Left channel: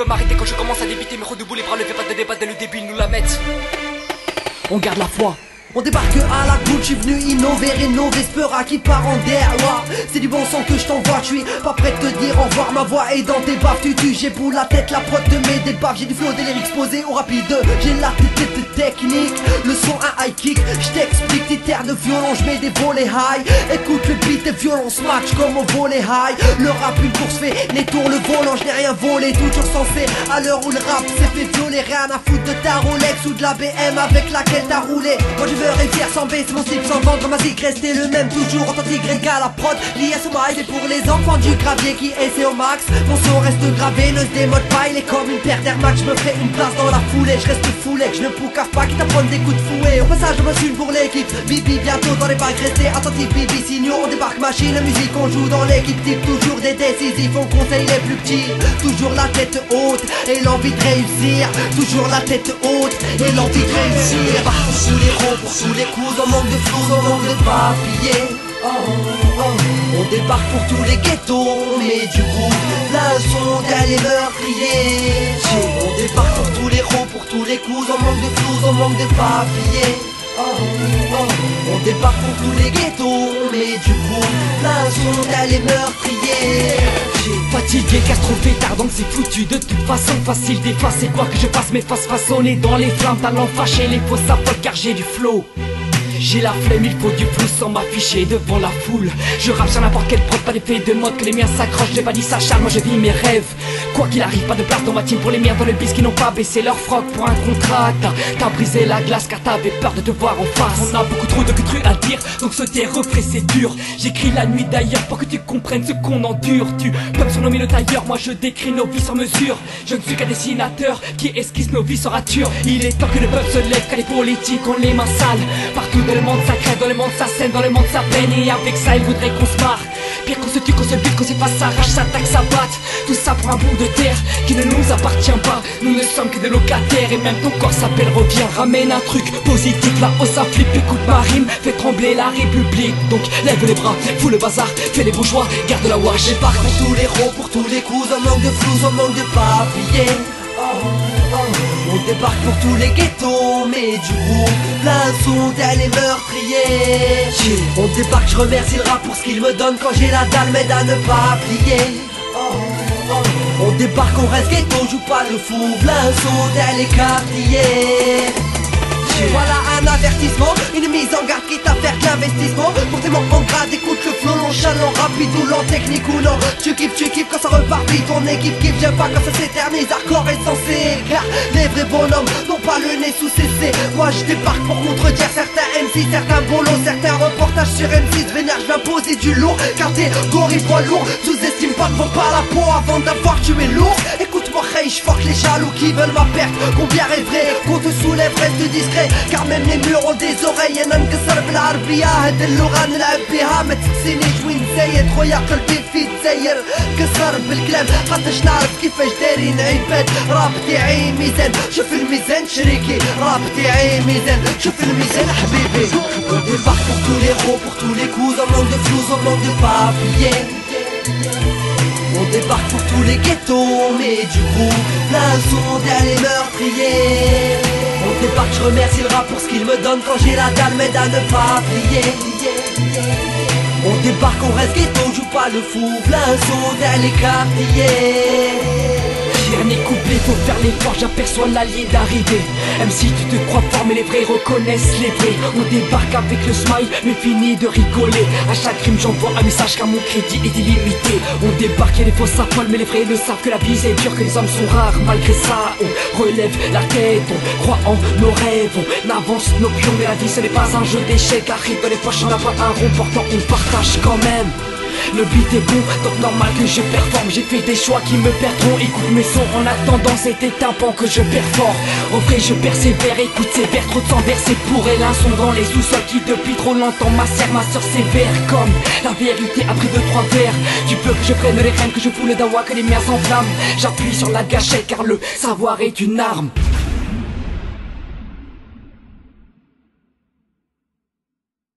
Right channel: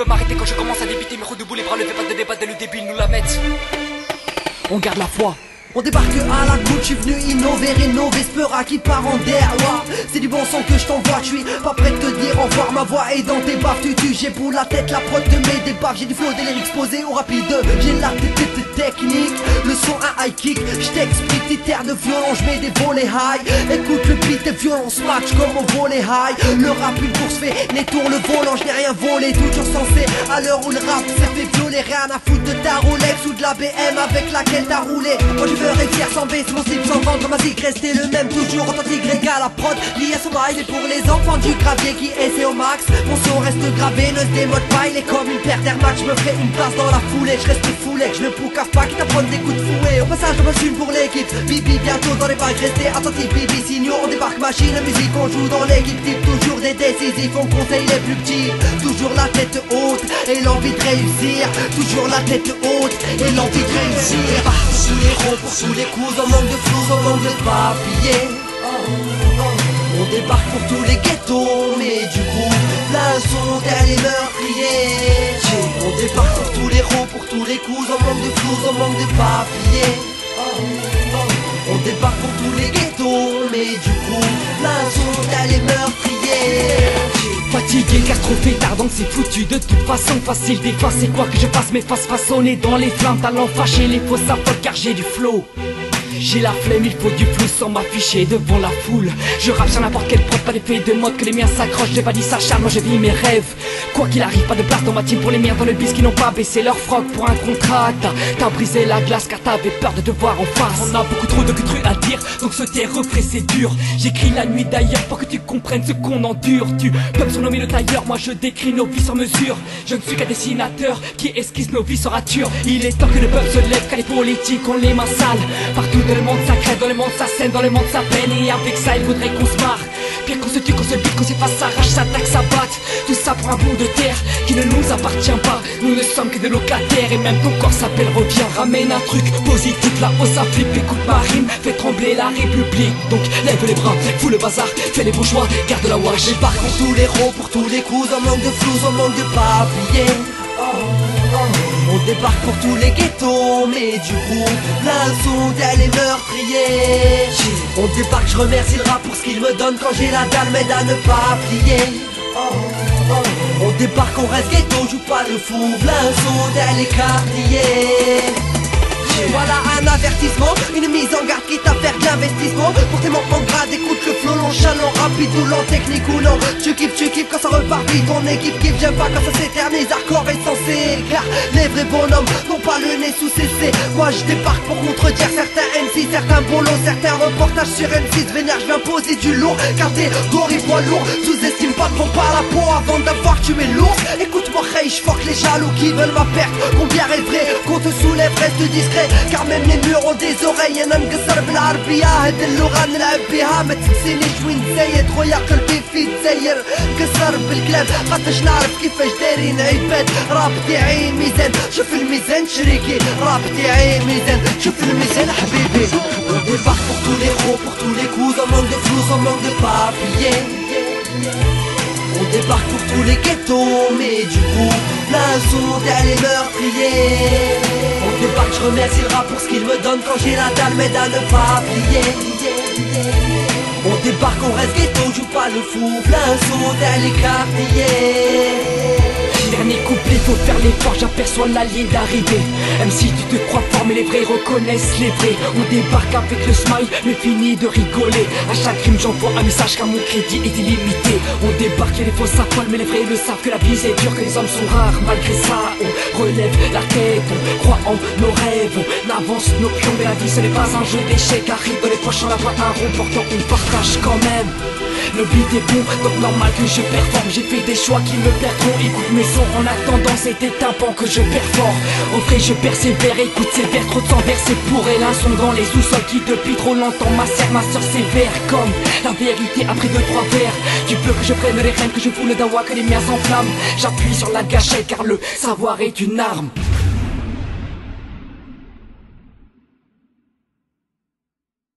peux m'arrêter quand je commence à débiter. Mais redebout les bras levés, pas de débat dès le début, ils nous la mettent. On garde la foi. On débarque à la cool, j'suis venu innover, rénover, Spera qui part en derroir. C'est du bon son que je t'envoie, j'suis pas prêt de te dire au revoir, ma voix est dans tes baffes, tu j'ai pour la tête, la prod te met des baffes, j'ai du flow, des lyrics posés au rapide, j'ai la technique, le son un high kick, j't'explique, tes terres de violon, j'mets des volets high, écoute le beat et violence match comme au volet high, le rap une course fait, les tours le volant, j'n'ai rien volé, toujours censé, à l'heure où le rap s'est fait violer, rien à foutre de ta Rolex ou de la BM avec laquelle t'as roulé, moi je veux réussir sans baisser mon slip, sans vendre ma zig, rester le même, toujours authentique, régal la prod, lié à ce mic, et pour les enfants du gravier qui essaient au max, mon son reste gravé, ne se démode pas, il est comme une paire d'Air Max, je me ferai une place dans la foulée, je reste foulé, que je ne poucave pas, quitte à prendre des coups de fouet, au passage je passe une pour l'équipe, Bibi bientôt dans les bacs, restez attentifs, Bibi signaux, on débarque machine à musique, on joue dans l'équipe type, toujours des décisifs, on conseille les plus petits, toujours la tête haute, et l'envie de réussir, toujours la tête haute, et l'envie de réussir, pas sous les ronds, pour sous les coups, on manque de flous, on manque de papier. On débarque pour tous les ghettos, mais du coup, plein son derrière les meurtriers. On débarque pour tous les ronds, pour tous les coups, on manque de flous, on manque de papier. On débarque pour tous les ghettos, mais du coup, plein son derrière les meurtriers. Fatigué car trop fait tard donc c'est foutu. De toute façon facile d'effacer quoi que je fasse, mes faces façonnées dans les flammes, talent fâché, les faux s'affolent car j'ai du flow. J'ai la flemme, il faut du flou sans m'afficher devant la foule. Je rappe sur n'importe quelle prod, pas d'effet de mode que les miens s'accrochent. J'ai pas dit ça Charles, moi je vis mes rêves. Quoi qu'il arrive, pas de place dans ma team pour les miens dans le bis qui n'ont pas baissé leur froc pour un contrat. T'as brisé la glace car t'avais peur de te voir en face. On a beaucoup trop de trucs à dire, donc se taire refrais c'est dur. J'écris la nuit d'ailleurs pour que tu comprennes ce qu'on endure. Tu peux me surnommer le tailleur, moi je décris nos vies sur mesure. Je ne suis qu'un dessinateur qui esquisse nos vies sans rature. Il est temps que le peuple se lève car les politiques ont les mains sales. Partout dans le monde ça crève, dans le monde ça saigne, dans le monde ça peine. Et avec ça il voudrait qu'on se marre. Pire qu'on se tue, qu'on se bute, qu'on s'efface, s'arrache, s'attaque, s'abatte. Tout ça pour un bout de terre qui ne nous appartient pas. Nous ne sommes que des locataires et même ton corps s'appelle revient. Ramène un truc positif là-haut ça flippe. Écoute ma rime, fais trembler la République. Donc lève les bras, fous le bazar, fais les bourgeois, garde la wash. Débarque pour tous les ronds, pour tous les coups, on manque de flous, on manque de papier. On débarque pour tous les ghettos, mais du coup, plein son derrière les meurtriers. On débarque, je remercie le rap pour ce qu'il me donne quand j'ai la dalle, m'aide à ne pas plier. On débarque, on reste ghetto, joue pas le fou, plein son derrière les quartiers. Voilà un avertissement, une mise en garde quitte à faire de l'investissement. Pour tes mots en grade, écoute le flow nonchalant, rapide ou lent, technique ou non. Tu kiffes quand ça repart vite, ton équipe kiffe, j'aime pas quand ça s'éternise. Hardcore est censé éclair, les vrais bonhommes n'ont pas le nez sous CC. Moi je débarque pour contredire certains MC, certains bolos, certains reportages sur M6. Vénère, je viens poser du lourd, catégorie poids lourd. Sous-estime pas, ne vends pas la peau avant d'avoir tué l'ours. Écoute-moi, hey, je fuck les jaloux qui veulent ma perte. Combien est vrai qu'on te soulève, reste discret. car même les murs ont des oreilles. انا نقصر بالعربية هاد اللغة نلعب بيها ما تسقسينيش وين زايد خويا قلبي في تزير نقصر بالكلام خاطرش نعرف كيفاش دايرين عباد. راب تاعي ميزان شوف الميزان شريكي، راب تاعي ميزان شوف الميزان حبيبي. On débarque pour tous les ronds, pour tous les coups, on manque de flous, on manque de papier. On débarque pour tous les ghettos, mais du coup, plein son derrière les meurtriers. On débarque, je remercie le rap pour ce qu'il me donne quand j'ai la dalle, m'aide à ne pas plier. On débarque, on reste ghetto, joue pas le fou, plein son derrière les quartiers. Dernier couplet, faut faire l'effort, j'aperçois la ligne d'arrivée. Même si tu te crois fort, mais les vrais reconnaissent les vrais. On débarque avec le smile, mais fini de rigoler. À chaque rime j'envoie un message car mon crédit est illimité. On débarque et les faux s'affolent, mais les vrais le savent que la vie c'est dur, que les hommes sont rares. Malgré ça, on relève la tête, on croit en nos rêves, on avance nos pions. Mais la vie ce n'est pas un jeu d'échecs, arrive dans les poches, on la voit un rond, pourtant on partage quand même. Le beat est bon, donc normal que je performe. J'ai fait des choix qui me perdront. Écoute mes sons en attendant, c'est des tympans que je perfore. Au vrai je persévère, écoute ces vers, trop de sang versé pour elle. Un son dans les sous-sols qui depuis trop longtemps macère ma soeur sévère. Comme la vérité après 2-3 vers. Tu veux que je prenne les rênes, que je foule le dawa, que les miens s'enflamment. J'appuie sur la gâchette car le savoir est une arme.